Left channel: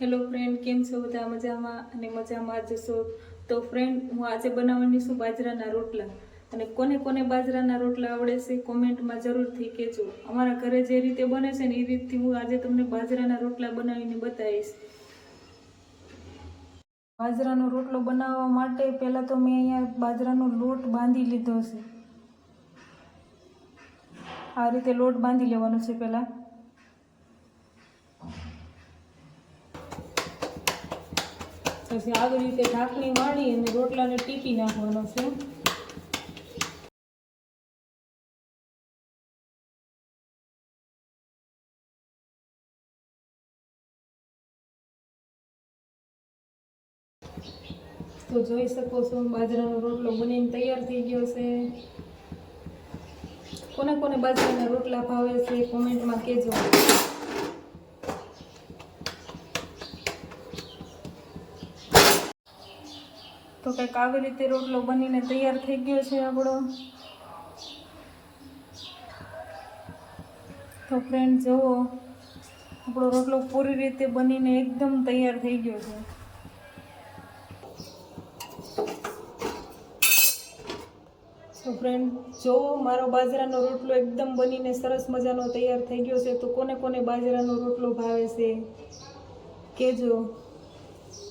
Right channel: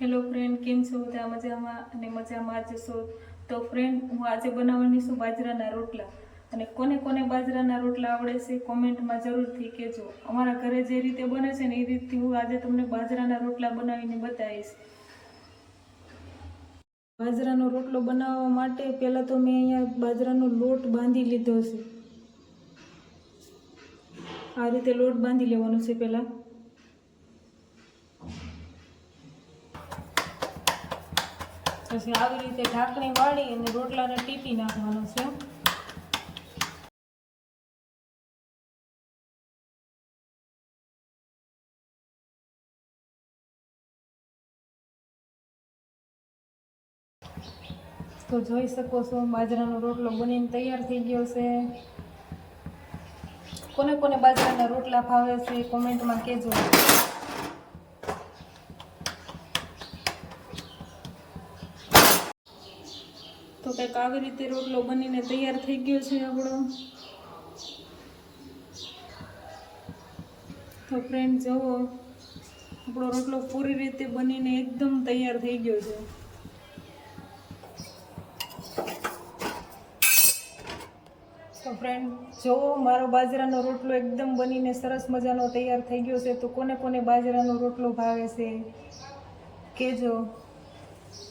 Hello friend, કેમ છો? બધા મજામાં અને મજામાં જ છો. તો ફ્રેન્ડ, હું આજે બનાવવાની છું બાજરાના રોટલા. અને કોને કોને બાજરાના રોટલા આવડે છે કોમેન્ટમાં જરૂરથી કહેજો. અમારા ઘરે જે રીતે બને છે ને એ રીતથી હું આજે તમને બાજરાના રોટલા બનાવીને બતાવીશ. બાજરાનો રોટલો બનાવવા માટે પહેલાં તો મેં અહીંયા બાજરાનો લોટ બાંધી લીધો છે. આ રીતે લોટ બાંધી લેવાનો છે પહેલાં. પછી આવી રીતે ઢાંકણી વાળી અને રોટલાને ટીપી નાખવાનો છે. તો જોઈ શકો છો બાજરાનો રોટલો બનીને તૈયાર થઈ ગયો છે. કોને કોને બાજરાના રોટલા ભાવે છે કોમેન્ટમાં કહેજો. તો કંઈક આવી રીતે રોટલો બનીને તૈયાર થઈ ગયો છે આપણો. તો ફ્રેન્ડ જુઓ, આપણો રોટલો પૂરી રીતે બનીને એકદમ તૈયાર થઈ ગયો છે. તો ફ્રેન્ડ જુઓ, મારો બાજરાનો રોટલો એકદમ બનીને સરસ મજાનો તૈયાર થઈ ગયો છે. તો કોને કોને બાજરાનો રોટલો ભાવે છે કહેજો.